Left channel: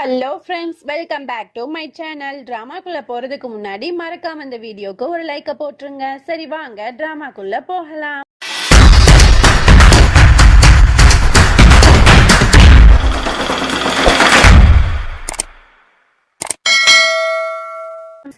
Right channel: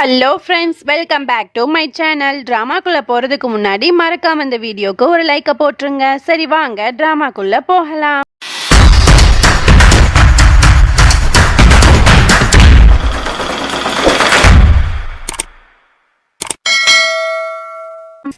Hello friends, welcome back to my channel. ட்ராமாக்குள்ளே போகிறதுக்கு முன்னாடி மறக்காம இந்த வீடியோக்கு ஒரு லைக்கை போட்டுருங்க. சரி வாங்க ட்ராமாக்குள்ளே போகலாம்.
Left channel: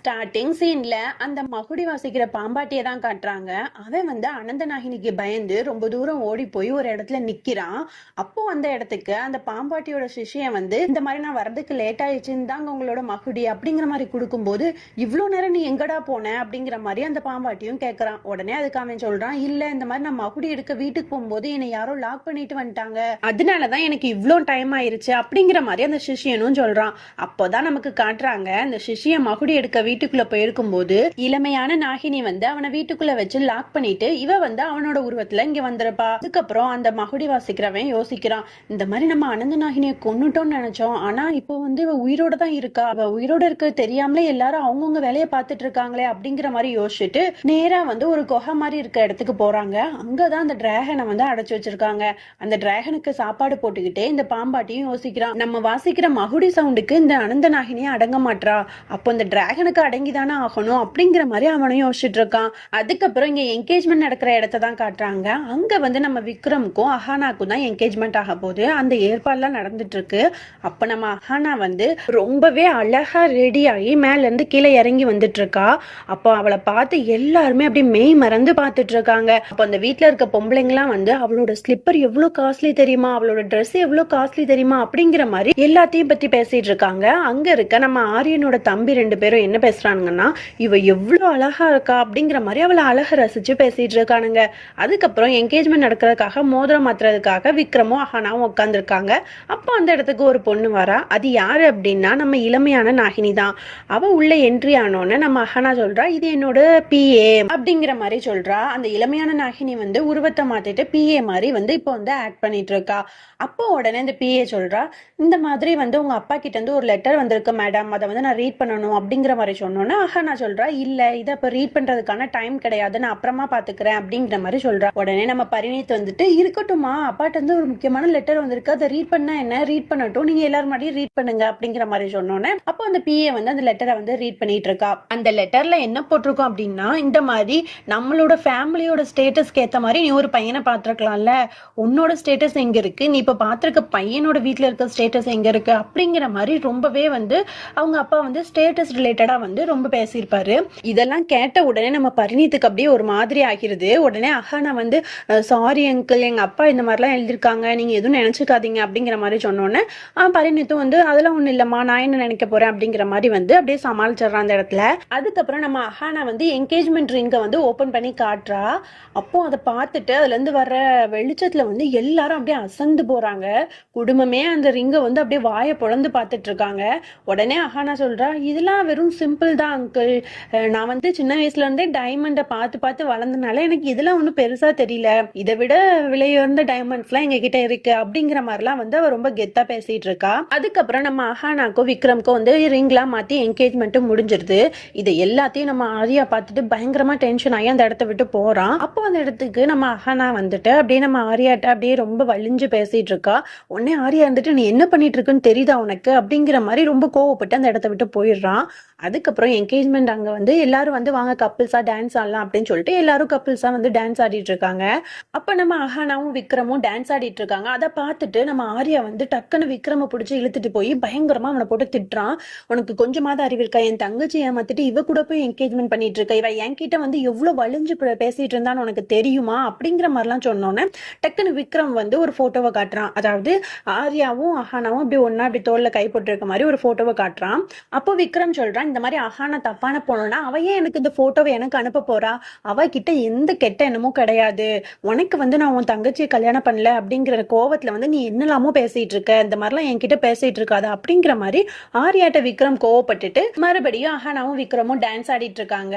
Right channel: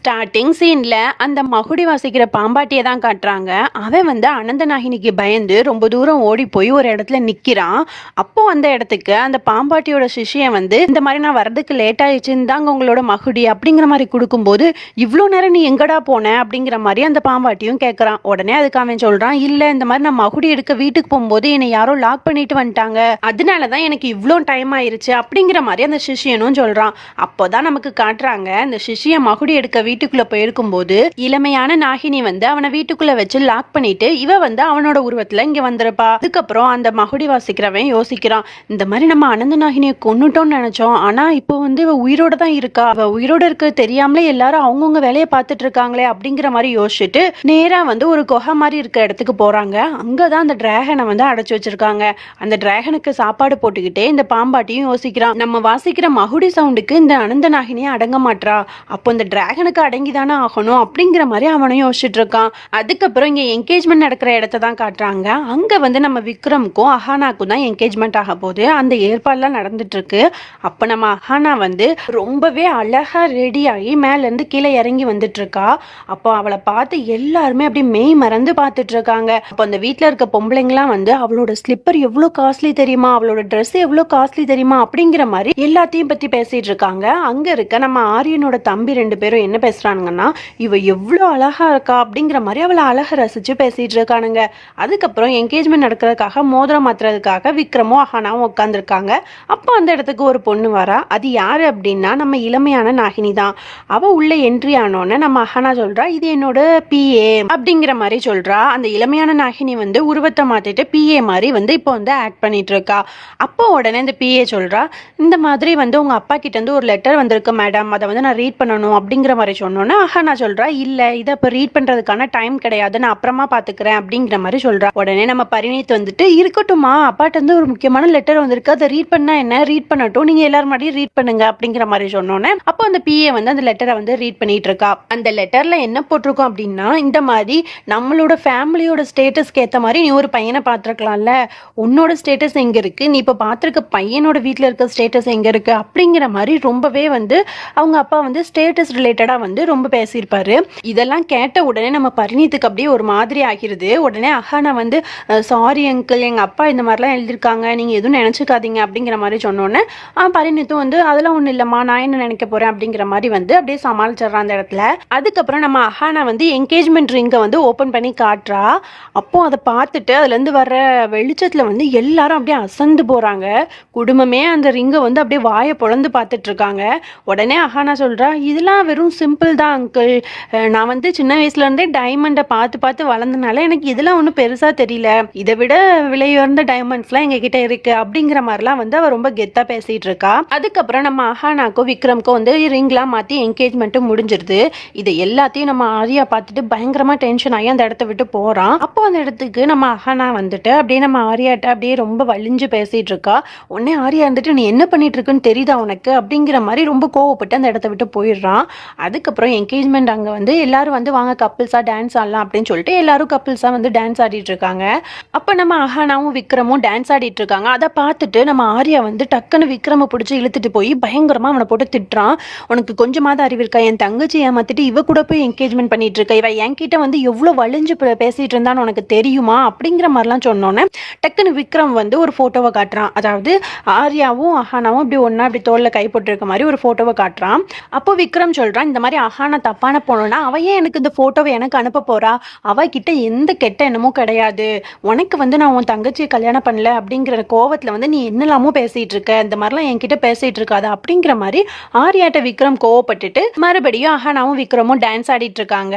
ஸ்டார்டிங் சீன்ல அந்த மகுடி வாசிக்கிற பாம்பாட்டியை தான் காட்டுறாங்க. அவன் வந்து அனந்தநாகினிக்கு பயந்து ரொம்ப தூரம் ஓடி போய் ஒரு இடத்துல நிக்கிறான். அப்போ அந்த இடத்துக்கு அந்த பாம்பாட்டியோட சிஷியன் வந்து இந்த மாதிரி நான் வர்றதுக்கு லேட் ஆயிடுச்சுன்னு தாங்க உங்களோட மகுடி அப்படிங்கிற மாதிரி கொடுக்கும்போது, இவ்வளோ நேரம் நீ எங்கடா போன அப்படிங்கிற மாதிரி அந்த பாம்பாட்டியும் கேட்கறான். உடனே அதுக்கு அவன் சொல்றான், இல்ல இந்த மாதிரி நான் மகுடி எடுக்க வீட்டுக்கு போகும்போது என்னை யாரோ லாக் பண்ணிட்டு வந்துட்டாங்க, அதனாலதான் எனக்கு இவ்வளோ டைம் ஆயிருச்சு அப்படிங்கிற மாதிரி அந்த சிஷியனும் சொல்றான். அப்போதான் நமக்கு காட்டுறாங்க, இந்த சிஷியன் மகுடி எடுக்க வீட்டுக்குள்ள போயிருக்கும் போது இளமையான நாகினி வந்து அவனை வீட்டுக்குள்ள வச்சு லாக் பண்ணிட்டு இவ வந்து அவனோட உருவத்துல இங்க வந்திருப்பா. அதுக்கப்புறம் அந்த மகுடி வாசிக்கிறவன் யோசிக்கிறான், இந்த மாதிரி நம்ம அனந்த நாகினியை கொன்னுட்டோம்னு நினைச்சோம், ஆனா இப்போ வந்து இவ உயிரோட தான் இருக்கா, அவ உயிரோட இருக்க தெரியாமலே எல்லாரும் அவங்கவுங்க வேலையை பார்த்துட்டு இருக்காங்களே அப்படிங்கிற மாதிரி யோசிச்சுட்டு நேரா வந்து ஒரு குகை மாதிரி இருக்க இடத்துக்கு போறாங்க. அங்கதான் அந்த டிராகனை வந்து அடைச்சு வச்சிருக்காங்க. அந்த டிராகனுக்கு சாப்பாடு போட்டுக்கிட்டே இந்த பாம்பாட்டியும் யோசிக்கிறான், நம்ம வாசிக்கிற மகுடி சவுண்டுக்கு இந்த அனந்த நாகினியை அடங்க மாட்டா, அப்போ இந்த டிராகனுக்கு அடங்கிதானே ஆகணும் அப்படிங்கிற மாதிரி அவனும் யோசிச்சுட்டு இருக்கான். அதுக்கப்புறம் இங்க என்கேஜ்மெண்ட் நடக்கிற இடத்த தான் காட்டுறாங்க. அங்க வந்து நம்ம விக்ரமுக்கும் அஹானாக்கும் தான் என்கேஜ்மெண்ட் ஆக போகுது. அந்த ஏற்பாடுலாம் நடந்துட்டு இருக்கு. அப்ப நம்ம அஹானா வந்து ரொம்பவே அழகா ரெடி ஆகி மேல இருந்து கீழே இறங்கி வந்துட்டு இருக்கா. அப்போ அவளை பார்த்து எல்லாருமே அப்படி மெய் மறந்து பார்த்துட்டு இருக்காங்க. அப்போ அந்த வீட்டுல இருக்க பொம்பளைங்கலாம் வந்து அவளோட ஸ்லிப்பர் எவ்வளவு காஸ்ட்லி தெரியுமா, அவளோட ட்ரெஸ் எவ்வளவு காஸ்ட்லி தெரியுமா அப்படிங்கிற மாதிரி எல்லாத்தையும் பத்தி பேசிட்டு இருக்காங்க. அங்க இருக்க நம்ம ஆரியனோட தம்பி 2 பேரும் என்ன பேசுறானுங்கன்னா, இவ எவ்வளவு அழகா இருக்கா அப்படிங்கிற மாதிரி அவளை அழகா ரசிச்சு பேசிட்டு இருக்கானுங்க. அதுக்கப்புறம் என்கேஜ்மெண்ட் நடக்கிறதுக்காக மோதிரம் மாத்துறதுக்காக விக்ரமும் அஹானாவும் உட்காந்துருக்காங்க. அப்போ அந்த இடத்துக்கு ஒரு பொண்ணு வரா. அது யாரு அப்படின்னா நம்ம இளமையான நாகினி தான். அவ உள்ள என்ட்ரி ஆனோன்னு நம்ம அஹானா சொல்றா, இது என்னோட பிஏ அப்படிங்கிற மாதிரி சொல்றா. அந்த இளமையான நாகினி வந்து உருவத்தை மாத்திட்டு பிஏ மாதிரி வந்து இப்போ வந்து ஆக்ட் பண்ணிட்டு இருக்கா. அப்போ உடனே இந்த பிஏ சொல்றா, இந்த மாதிரி வந்து உங்க அப்பா கிட்ட இருந்து ஒரு லெட்டர் வந்திருக்கு மேடம், அதை வந்து நான் ரீட் பண்ணணும் அப்படிங்கிற மாதிரி சொன்னோன்னா அஹானா சொல்றா, இல்ல இதை இப்போ ரீட் பண்றதுக்கான டைம் கிடையாது, நான் அப்புறமா பாத்துக்கிறேன் அப்படிங்கிற மாதிரி சொல்றா. உடனே நம்ம பரிணீத் வந்துட்டு, இருக்கட்டும்மா, அப்பாட்ட இருந்து ஒரு முக்கியமான லெட்டர் வந்திருக்கு, அதை ரீட் பண்ணா என்ன, ரீட் பண்ணட்டும், நீங்க எல்லாரும் மாதிரி ரீட் பண்ணுங்க அப்படிங்கிற மாதிரி சொன்னோன்னே அப்போ அந்த பிஏ வந்து அந்த லெட்டரை வந்து ரீட் பண்ணிட்டு இருக்கா. அந்த லெட்டர்ல என்ன போட்டிருக்கோம் அப்படின்னா, இந்த மாதிரி நம்மளோட ஃபேமிலியோட ஸ்டேட்டஸ்க்கு ஏற்ற மாதிரி நீ ஒரு பையனை பார்த்துருக்கலாம்ல, உன்னோட ஸ்டேட்டஸ் எங்க இருக்கு, நீ இப்போ பார்த்துருக்க பையனோட வீட்டில் இருக்க ஸ்டேட்டஸ் எங்க இருக்கு அப்படிங்கிற மாதிரி ரொம்பவே வந்து அவங்க அப்பா வந்து ஸ்டேட்டஸ் ரிலேட்டடா வந்து ரொம்ப பேசியிருப்பாரு. இதெல்லாம் கேட்ட உடனே நம்ம பரிணீத்துக்கு அப்படியே ஒரு மாதிரி ஆகிருது. உடனே அஹானா வந்து, சாரி அங்கிள், எங்க அப்பா இந்த மாதிரிலாம் எழுதியிருக்காங்க, நீங்க எதுவும் நினைச்சுக்காதீங்க அப்படிங்கிற மாதிரி சொன்னோன்னே பரிணீத்தும் வந்து அதெல்லாம் ஒன்றும் இல்லைம்மா, நான் என்ன நினைக்க போறேன் அப்படிங்கிற மாதிரி வந்து அப்படியே சமாளிச்சிடறான் அந்த இடத்துல. அதுக்கப்புறம் நம்ம அஹானா வந்து என்கேஜ்மெண்ட் ரிங்கை வந்து ஓப்பன் பண்ணி காட்டுறா. அப்போ அதை பார்த்துட்டு அதுல இருந்து வர்ற வெளிச்சத்துல வந்து எல்லாரும் அப்படியே அசந்து போறாங்க. குடும்பமே அந்த ரிங்கை வந்து அப்படியே வாயை பொழந்து பார்த்துட்டு இருக்காங்க. உடனே அஹானா சொல்றா, இதெல்லாம் வெறும் சிம்பிள் தான் அங்கிள், நான் வந்து சின்ன வயசுல இருந்தே டைமண்டை பார்த்து பார்த்து வளர்ந்தனால எனக்கு இதெல்லாம் ஒன்றும் பெருசா தெரியல, இதை விட விலையுயர்ந்த டைமண்ட்ஸ்லாம் எங்க கிட்ட இருக்கு அப்படிங்கிற மாதிரிலாம் வந்து அவ ரொம்ப கெத்தா பேசிட்டு இருக்கா. அதுக்கப்புறம் நம்ம அஹானாக்கும் விக்ரம்க்கும் வந்து ரிங்லாம் மாத்தி என்கேஜ்மெண்ட்டும் முடிஞ்சிருது. இதை எல்லாத்தையும் நம்ம ஆரியா பார்த்துட்டு பயங்கரமா டென்ஷன் ஆகி அந்த இடத்த விட்டு போறான். அப்போ அந்த இடத்துக்கு நம்ம அஹானா வந்துட்டு அப்படியே நம்ம ஆரியாட்ட அப்படியே ரொம்ப வலிஞ்சு பேசிட்டு இருக்கா. உடனே ஆரியா வந்துட்டு, நீ என்ன பண்ணிட்டு இருக்குன்னு தெரியுதா உனக்கு அப்படிங்கிற மாதிரி ரொம்ப கோவப்பட்டு அந்த இடத்த விட்டு போயிடுறான். அதுக்கப்புறம் என்கேஜ்மெண்ட் அங்கே வந்து எல்லாரும் வந்து வாங்க கப்பிள்ஸாக டான்ஸ் ஆடலாம் அப்படின்னு சொல்லிட்டு எல்லாரும் கப்பிள்ஸாக வந்து டான்ஸ் ஆடிட்டு இருக்காங்க. அப்போ நம்ம அஹானாவும் விக்ரமும் டான்ஸ் ஆடிட்டு இருக்காங்க. அதை பார்த்துட்டு நம்ம ஆரியா வந்து டக்குன்னு விக்ரமை பிடிச்சி இழுத்துட்டு போய் பயங்கரமாக அவனை போட்டு திட்டுறான். உனக்கு கொஞ்சமாவது அறிவு இருக்கா, என் தங்கச்சி ஏமாத்திட்டு இவ கூட போய் என்கேஜ்மெண்ட் பண்ணிட்டு இருக்க, இவ என்கிட்ட வந்து எவ்வளோ வலிஞ்சு பேசிட்டு இருந்தான்னு உனக்கு தெரியுமா அப்படிங்கிற மாதிரிலாம் சொன்னோன்னே டக்குன்னு விக்ரம் வந்து ஒரு ஃபோட்டோவை காட்டுறான். அதாவது ஆரியாவும் அஹானாவும் அப்படி ஒன்றா அப்படி தோளில் கை போட்டு இருக்க மாதிரி ஒரு ஃபோட்டோவை காட்டுறான். அப்போ விக்ரம் சொல்றான், இந்த மாதிரி அஹானா தப்பான போனோம்னா அவ ஏன் எனக்கு இந்த போட்டோவை எனக்கு அனுப்ப போறா, அவகிட்ட எந்த கெட்ட எண்ணமும் கிடையாது, உனக்கு வந்து நான் உன் தங்கச்சியை கல்யாணம் பண்ணல அப்படிங்கிற கோவத்துல வந்து நீ என்னெல்லாமோ பேசிட்டு இருக்க, இந்த மாதிரிலாம் என்கிட்ட பேசிட்டு இருக்காது அப்படிங்கிற மாதிரி ஆரியாட்ட விக்ரம் கோவப்பட்டுட்டு மறுபடியும் அஹானாவும் விக்ரமும் டான்ஸ் ஆடிட்டு இருக்காங்க.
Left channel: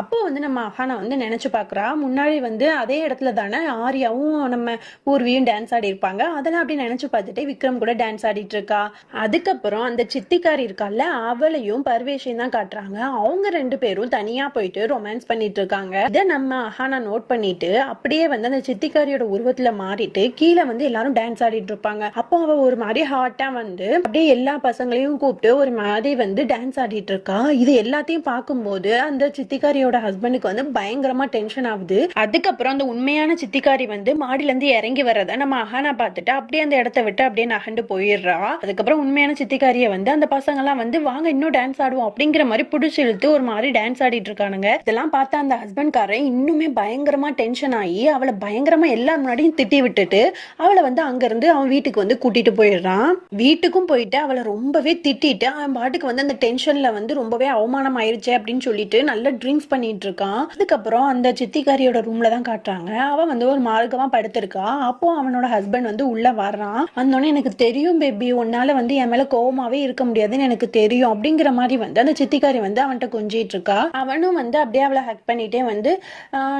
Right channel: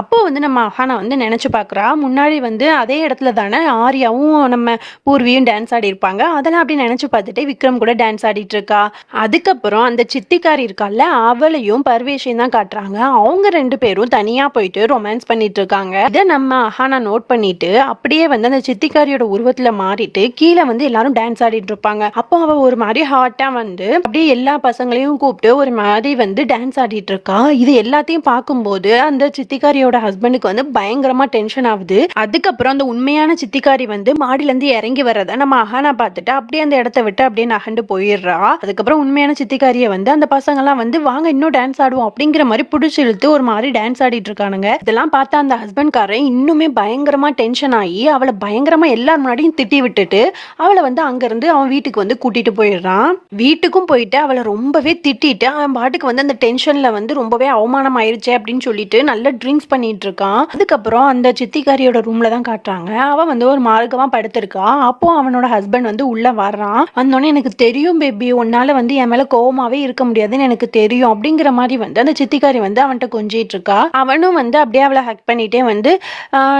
அப்போ வந்து நம்ம அஹானா வந்து நினைச்சு பாக்குறா, முன்னாடி வந்து அதே இடத்துல தானே ஆரியாவும் நம்ம பூர்வியும் டான்ஸ் ஆடி இருப்பாங்க, அதெல்லாம் அப்படி நினைச்சு பார்த்துட்டு விக்ரம் கூட டான்ஸ் ஆடிட்டு இருக்கா. அதுக்கப்புறம் அந்த சித்திக்காரி இருக்கால, அவளையும் பர்வேஷையும் தான் காட்டுறாங்க. அவங்க 2 பேரும் தனியா போயிட்டு ரொமான்ஸ் பண்ணிட்டு இருக்காங்க. இதை நம்ம அஹானா நோட் பண்ணிட்டு அப்படியே வந்து அந்த சித்திக்காரியோட உருவத்துல மாறிட்டு கீழே வந்து எல்லாரும் டான்ஸ் ஆடிட்டு இருப்பாங்க. அப்போ அவ ஒரு மாதிரி ஹாட்டா வந்து அப்படியே எல்லா பசங்களையும் கூப்பிட்டு ஒரு மாதிரி வந்து டான்ஸ் ஆடிட்டு இருக்கா. இது எல்லாத்தையும் பார்க்கும்போது அந்த சித்திக்காரியோட ஹஸ்பண்டுக்கு வந்து பயங்கரமா டென்ஷன் ஆகுது. அதுக்கப்புறம் அந்த உண்மையான சித்திக்காரி வந்து மாடியில இருந்து இறங்கி வர்றத நம்ம அஹானா பார்த்துட்டு அப்படியே அந்த இடத்த விட்டு அப்படியே நகண்டு போயிடுறா. அதுக்கப்புறம் உண்மையான சித்திக்காரிய வந்து அந்த பசங்க எல்லாம் வந்து வாங்க இன்னும் டான்ஸ் ஆடுவோம் அப்படிங்கிற மாதிரி பிடிச்சி இழுத்து ஒரு மாதிரி டான்ஸ் ஆடிட்டு இருக்கானுங்க. இதெல்லாம் பார்த்தா அந்த ஹஸ்பண்ட் காரன் இன்னுமே பயங்கரமா டென்ஷன் ஆகி அவளை பயங்கரமா எல்லாரும் முன்னாடியும் திட்டி விட்டுட்டு அவளை வந்து அங்க இருந்து அவன் வீட்டுக்கு வந்து கூட்டிட்டு போயிடுறான். வீட்டுக்கும் போயிட்டு அவளை ரொம்பவே திட்டிட்டு அவன் பாட்டுக்கு வந்து அந்த டென்ஷன்ல வந்து ரொம்பவே அவமானம் ஆயிருச்சு அப்படின்னு சொல்லிட்டு நல்ல ட்ரிங்க்ஸ் பண்ணிட்டு இருக்கான். அதுக்கப்புறம் அந்த சித்திக்காரியோட ரூம்ல தான் காட்டுறாங்க. அவன் வந்து ஒரு மார்க்கமா படுத்திருக்கா. அப்போ அவனோட ஹஸ்பண்ட் வந்து உள்ள வர்றான். வந்தோடனே எனக்கு தெரியும் பேபி, உன்னால வந்து என் மேல கோவமாவே இருக்க முடியாதுன்னு எனக்கு தெரியும் அப்படிங்கிற மாதிரி வந்து அந்த சித்திக்காரி வந்து அவன்கிட்ட கொஞ்சிட்டு இருக்கா. அவனும் வந்து அப்படியே அவளை ஹக் பண்ணிட்டே வந்து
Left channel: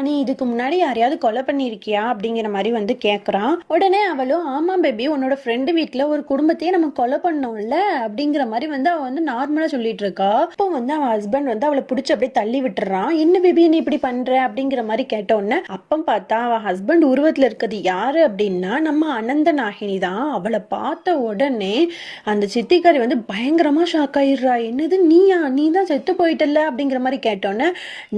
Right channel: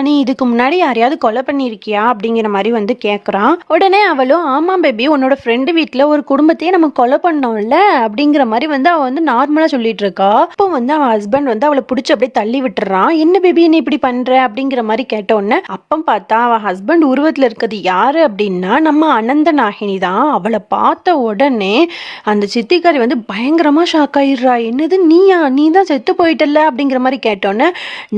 நீ இதுக்கு முன்னாடி யாரையாவது கொலை பண்ணிருக்கியா அப்படிங்கிற மாதிரி வந்து கேட்கறான். உடனே அவளும் ஆமா பேபி, உன்னோட ஃப்ரெண்டு வீட்டுல ஒரு குடும்பத்தையே நம்ம கொலை பண்ணோம்ல அப்படிங்கிற மாதிரி வந்து அவ வந்து நார்மலா சொல்லிட்டு இருக்கா. அப்போ வந்து அவன் ஹஸ்பண்ட் வந்து அவளை பிடிச்சி அப்படியே தள்ளி விட்டுறான். என்ன பேபி நீ இப்படி பண்ற அப்படிங்கிற மாதிரி கேட்டோன்னு அப்போ பார்த்தா அவன் ஹஸ்பண்ட் உருவத்துல இருக்கிறது யாரு அப்படின்னா நம்ம அனந்த நாகினி தான். அவளை பார்த்த உடனே அந்த சித்திக்காரி வந்து பயங்கரமா ஷாக் ஆயிடுறா. என்னது நீ தான் செத்து போயிட்டல அப்படிங்கிற மாதிரி கேட்டோன்னே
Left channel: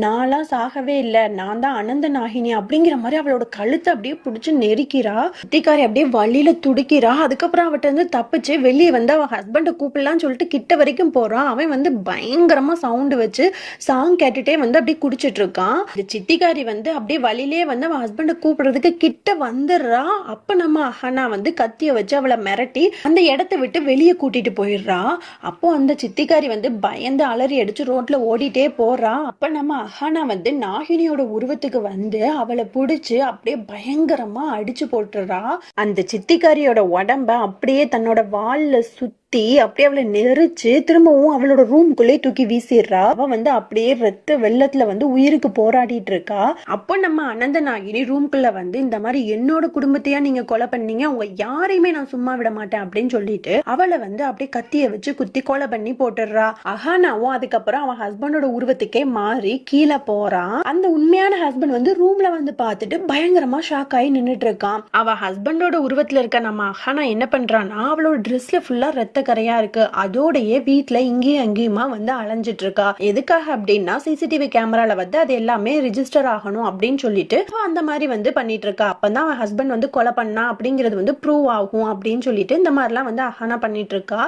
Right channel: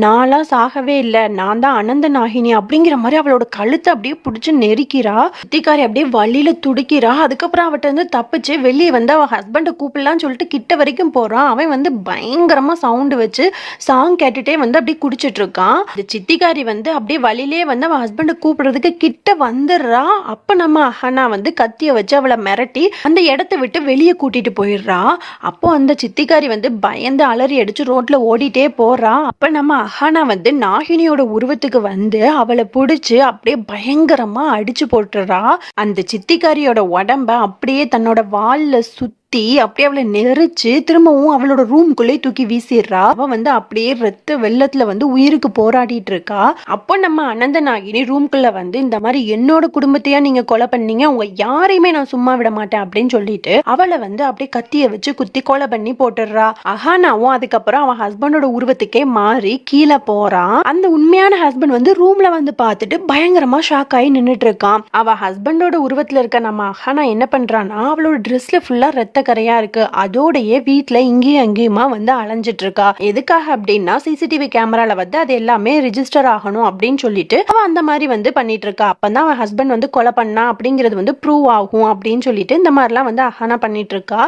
நான்லாம் சாகவே இல்லை, நான் தான் அனந்த நாகினி அப்படிங்கிற மாதிரி அவளோட கழுத்தை அப்படியே பிடிச்சி நெருக்கிறா. சித்திக்காரி அப்படியே வழியில துடிக்கிறா. அதுக்கப்புறம் அவட்ட வந்து தப்பிச்சு வெளியே வந்து அவன் ஹஸ்பண்டை கூப்பிடலான்னு சொல்லிட்டு கிட்ட வரைக்கும் போறான். அவன் வந்து பயங்கரமா சவுண்டு வச்சு சாங் கேட்டுட்டே வந்து அப்படியே குடிச்சிட்டு இருக்கான். இந்த சித்திக்காரி வந்து அப்படியே வழியிலே வந்து அவன் ஹஸ்பண்டை கூப்பிடுறதுக்கு கிட்ட வந்துடுறா. அப்ப நம்ம அஹானா வந்து கத்திய வச்சு அவளை மிரட்டி அந்த இடத்தை விட்டு வெளியே கூட்டிட்டு போயிடுறா. அப்போ அந்த சித்திக்காரி வந்து பயந்து அலறி அடிச்சு ரோட்ல ஓடிட்டே போறா. அப்ப நம்ம அஹானா வந்து நாகினியோட உருவத்துக்கு வந்து அவளை பிடிச்சு அப்படியே பயங்கரமா அடிச்சு போட்டுறா. அந்த சித்திக்காரியோட உடம்ப அப்படியே தன்னோட வால்ல சுத்தி அப்படியே அவளை நெரிச்சு திரும்பவும் அவளோட ரூம்குள்ளே தூக்கி வீசிடுறா. அவ வந்து அப்படியே ரத்த வெள்ளத்துல வந்து உயிருக்கு போராடிட்டு இருக்கா. அப்போ நம்ம அனந்த நாகினி ரூம்குள்ள வந்து இந்த மாதிரி என்னோட குடும்பத்தையா நீங்க கொலை பண்ணீங்க, உங்க யாரையுமே நான் சும்மா விட மாட்டேன் அப்படின்னு சொல்லிட்டு அவளை வந்து அப்படியே கத்திய வச்சு குத்தி கொலை பண்ணி போட்டுடுறா. அஹானாவும் அதுக்கப்புறம் அவன் ஹஸ்பண்டோட உருவத்துக்கே மாறி கீழே போறான். அந்த உண்மையான ஹஸ்பண்ட் வந்து ரூம்ல வந்து பார்த்துட்டு பயங்கரமா ஷாக் ஆகி நின்றுட்டு இருக்கான். அவ ஹஸ்பண்டோட உருவத்துல இருக்க நம்ம அஹானா என்ன பண்றான்னா அவளோட ட்ரெஸ்ல ஃபுல்லா ரத்த கரையா இருக்கு. அதோடய வீட்டுல இங்கேயும் அங்கேயுமா வந்து அலைஞ்சிட்டு இருக்கா. எதுக்காக அப்படின்னா சிசிடிவி கேமரால வந்து அது எல்லாமே ரிஜிஸ்டர் ஆகணும் அப்படின்னு சொல்லிட்டு அவன் அந்த மாதிரி வந்து பண்ணிட்டு இருக்கா. அப்பதான் அவன் ஹஸ்பண்ட் வந்து கொலை பண்ணா அப்படிங்கிறது வந்து ப்ரூவ் ஆகும் அப்படின்னு சொல்லிட்டு இந்த மாதிரிலாம் வந்து அஹானா பண்ணிட்டு இருக்கா.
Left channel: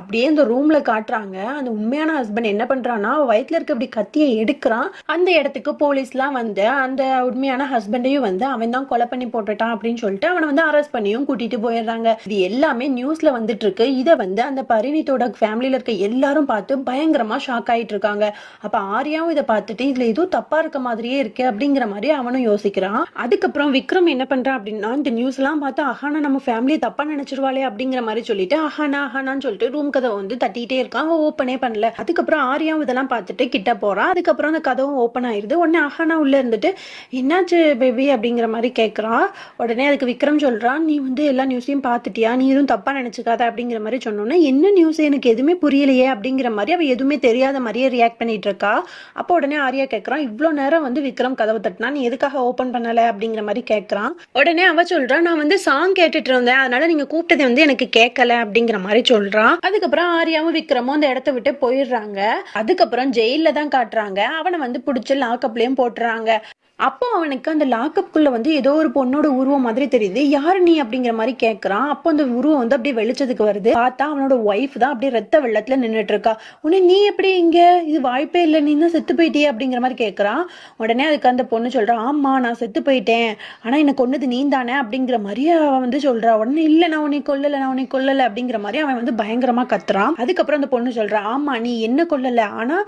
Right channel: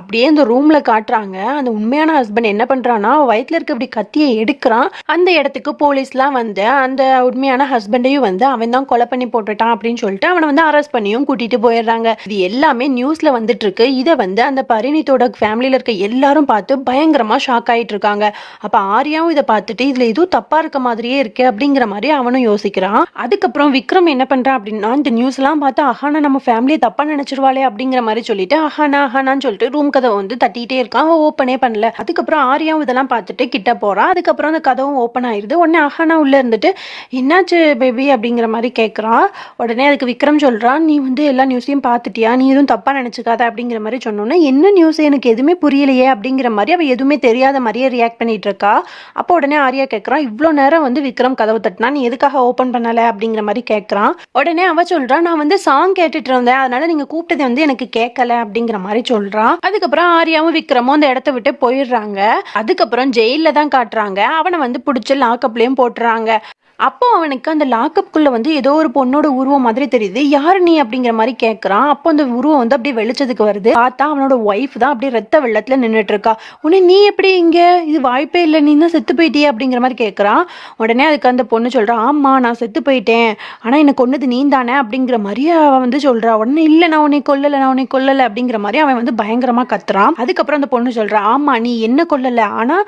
அப்படியே இந்த ரூம்ல காட்டுறாங்க. அந்த உண்மையான ஹஸ்பண்ட் என்ன பண்றான்னா வயிற்றுல இருக்க இப்படி கத்தியை எடுக்கிறான். அந்த இடத்துக்கு போலீஸ்லாம் வந்து அந்த உண்மையான ஹஸ்பண்டையும் வந்து அவன் தான் கொலை பண்ணி போட்டுட்டான் அப்படின்னு சொல்லிட்டு அவனை வந்து அரெஸ்ட் பண்ணியும் கூட்டிட்டு போயிடுறாங்க. இது எல்லாமே நியூஸ்ல வந்துட்டு இருக்கு. இதை வந்து அந்த பரிணித்தோட ஃபேமிலியில இருக்க எல்லாரும் பார்த்து பயங்கரமா ஷாக் ஆயிட்டு இருக்காங்க. அப்ப ஆரியாவும் இதை பார்த்துட்டு இதுல எதுவும் தப்பா இருக்க மாதிரியே இருக்கு அப்படிங்கிற மாதிரி அவனும் யோசிக்கிறான். அதுக்கப்புறம் விக்ரம் என்ன பண்றான் அப்படின்னா இந்த நியூஸ் எல்லாம் பார்த்து அஹானா நம்ம ஃபேமிலியை தப்பா நினைச்சிருவாளே அப்படிங்கிற மாதிரி சொல்லிட்டு அஹானான்னு சொல்லிட்டு ரூம் கதவை வந்து தட்டிட்டே இருக்கான். அவன் ஓப்பனே பண்ணல. அதுக்கப்புறம் ஆரியாவும் இதெல்லாம் பார்த்துட்டு கிட்ட போறான். அதுக்கப்புறம் அந்த கதவும் ஓப்பன் ஆயிருது. உடனே அஹானா உள்ள இருந்துட்டு என்னாச்சு பேபி அப்படிங்கிற மாதிரி கேட்கறான். உடனே அதுக்கு விக்ரம் சொல்றான் நீ வந்து எல்லா நியூஸையும் பார்த்துட்டியா, நீ எதுவும் தப்பா நினைச்சுக்காத அப்படிங்கிற மாதிரி சொன்னோன்னே என்ன நியூஸ் எனக்கு எதுவுமே புரியலையே அப்படிங்கிற மாதிரி அவ எதுவுமே தெரியாத மாதிரியே ரியாக்ட் பண்ணிட்டு இருக்கா. அப்போ உடனே ஆரியா கேட்கறான் இவ்வளோ நேரம் வந்து விக்ரம் கதவு தட்டினா நீ எதுக்காக ஓப்பன் பண்ணல அப்படிங்கிற மாதிரி கேட்கறான். உடனே அவ சொல்றான் நான் வந்து சாங் கேட்டுட்டு இருந்தேன், அதனால நீங்க கூப்பிட்டது வந்து எனக்கு கேட்கல அப்படிங்கிற மாதிரி சொல்றான். அதுக்கப்புறம் ஆரியாவும் விக்ரமும் அந்த இடத்த விட்டு போயிடுறாங்க. அதுக்கப்புறம் ஜெயில தான் காட்டுறாங்க. அவனை வந்து பிடிச்சி லாக்அப்லயும் போட்டுறாங்க. அப்போ அவனுக்கு அந்த லாக்அப்குள்ள வந்து ஏதோ ஒரு பொண்ணோட உருவம் மாதிரி தெரியுது. யாரு நீ அப்படிங்கிற மாதிரி கேட்கறான். அப்போ அந்த உருவம் வந்து அப்படியே வெளிச்சத்துக்கு வருது. பார்த்தா அவனோட ஒய்ஃப் தான் அப்படியே ரத்த வெள்ளத்துல நின்றுட்டு இருக்கா. உடனே நீ எப்படி இங்க, இது வாய்ப்பே இல்லை, நீ தான் செத்து போயிட்டியே அப்படிங்கிற மாதிரி கேட்கறான். உடனே அதுக்கு அந்த பொண்ணு சொல்றா ஆமா நான் செத்து போயிட்டேன், ஆனா எனக்கு கொன்னது நீ தானே அப்படிங்கிற மாதிரி அவன் வந்து சொல்றா. உடனே இல்ல நான் உன்னை கொல்லல அப்படிங்கிற மாதிரி அவன் வந்து பயங்கரமா கத்துறான். அதுக்கப்புறம் அந்த பொண்ணு சொல்றா ஆமா நீ என்ன கொல்லல, ஆனா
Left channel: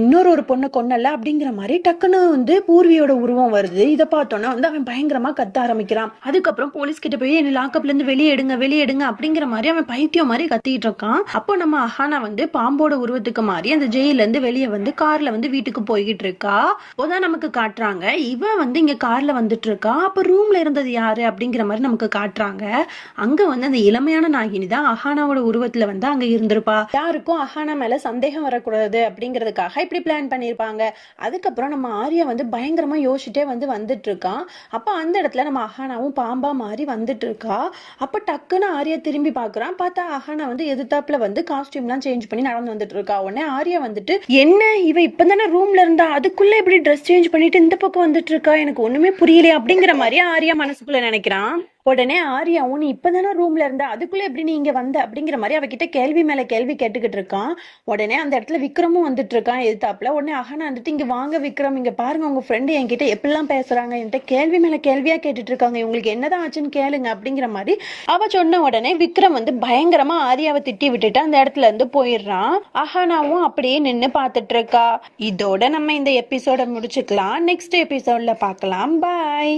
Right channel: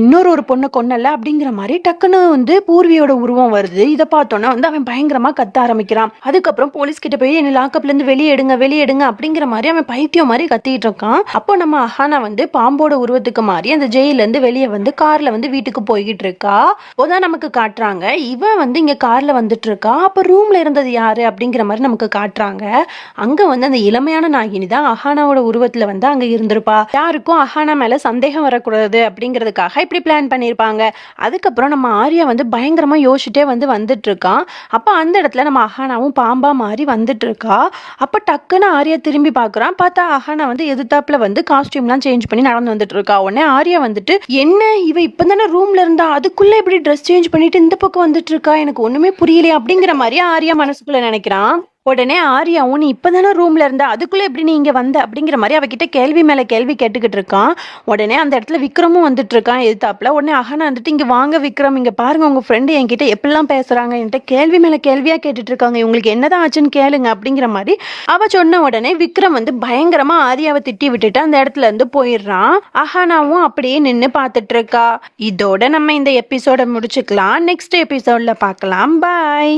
இன்னொரு பொண்ணை கொன்னல அப்படிங்கிற மாதிரி டக்குன்னு வந்து பூர்வியோட உருவம் உருவம் வருது. இதை பார்த்தோன்னா வந்து அவன் பயங்கரமா கத்த ஆரம்பிக்கிறான். அதுக்கப்புறம் போலீஸ் கிட்ட போய் என்ன லாக்அப்ல இருந்து வெளியேடுங்க வெளியேடுங்க அப்படிங்கிற மாதிரி அவன் பைத்தியம் மாதிரி கத்திட்டு இருக்கான். அப்போ நம்ம அஹானா வந்து பாம்போட உருவத்துக்கு மாறி அந்த ஜெயில இருந்து வெளியே வந்து கார்ல வந்து வீட்டுக்கு போய்கிட்டு இருக்கா. அப்போதான் நமக்கு காட்டுறாங்க இவன் வந்து இங்க கார்ல வந்துட்டு இருக்கா. அப்ப ரூம்ல இருந்தது யாரு அப்படிங்கிற மாதிரி நமக்கு காட்டுறாங்க. அங்க வந்து அந்த இளமையான நாகினி தான் அஹானாவோட உருவத்துல வந்து அங்க இருந்திருப்பா. யாருக்கும் அஹானா மேல சந்தேகம் வரக்கூடாது அப்படிங்கிறதுக்காக இப்படி பிளான் பண்ணியிருப்பாங்க. அதுக்கப்புறம் நம்ம ஆர்யா வந்து பயங்கரமா யோசிச்சுட்டே வந்து வந்துட்டு இருக்கான். அப்ப அந்த இடத்துல நம்ம அஹானாவும் பாம்பா மாறி வந்துட்டு இருக்கா. அப்ப டக்குன்னு ஆர்யா திரும்பி பாக்குறான். பார்த்தா அஹானா வந்து எதிர்த்தாப்புல வந்து காஸ்டியூம்லாம் சேஞ்ச் பண்ணி நடந்து வந்துட்டு இருக்கா. உடனே ஆர்யா வந்துட்டு என்ன இவ இப்பதானே ரூம்ல இருந்தா அதுக்குள்ள இப்படி ட்ரெஸ் சேஞ்ச் பண்ணிட்டு இந்த பக்கம் வந்துட்டு இருக்கா, எனக்கு ஒண்ணுமே புரியல அப்படிங்கிற மாதிரி ஆர்யா மனசுக்குள்ள நினைக்கிறான். உடனே ஆர்யாவும் நீ இப்பதானே ரூம்ல இருந்த அதுக்குள்ள எப்படி நீ இங்க வந்த அப்படிங்கிற மாதிரி அவகிட்ட கேள்வி மேல கேள்வி கேட்டுக்கிட்டு இருக்கான். உடனே அந்த இடத்துல விக்ரமும் வந்துட்டு இருக்கான் எதிர்த்தாப்புல. உடனே அஹானா வந்துட்டு இங்க வாங்க விக்ரம், இங்க பாருங்க உங்க ஃப்ரெண்டு என்கிட்ட எப்படிலாம் பேசுறாங்க, என்கிட்ட கேள்வி மேல கேள்வியா கேட்டுட்டு இருக்காங்க, இவங்களுக்கு என்னதான் ஆச்சுன்னு கேளுங்க அப்படிங்கிற மாதிரி அவ சொன்ன உடனே விக்ரம் வந்து பயங்கரமா ஆர்யாவை திட்டி விட்டுட்டு அந்த இடத்துல இருந்து போயிடுறான். அஹானாவும் அப்படியே நின்று பார்த்துட்டு இருக்கா. இதோட நம்ம இந்த எபிசோட முடிச்சுக்கலாம். நெக்ஸ்ட் எபிசோட்ல பார்க்கலாம். பாய்.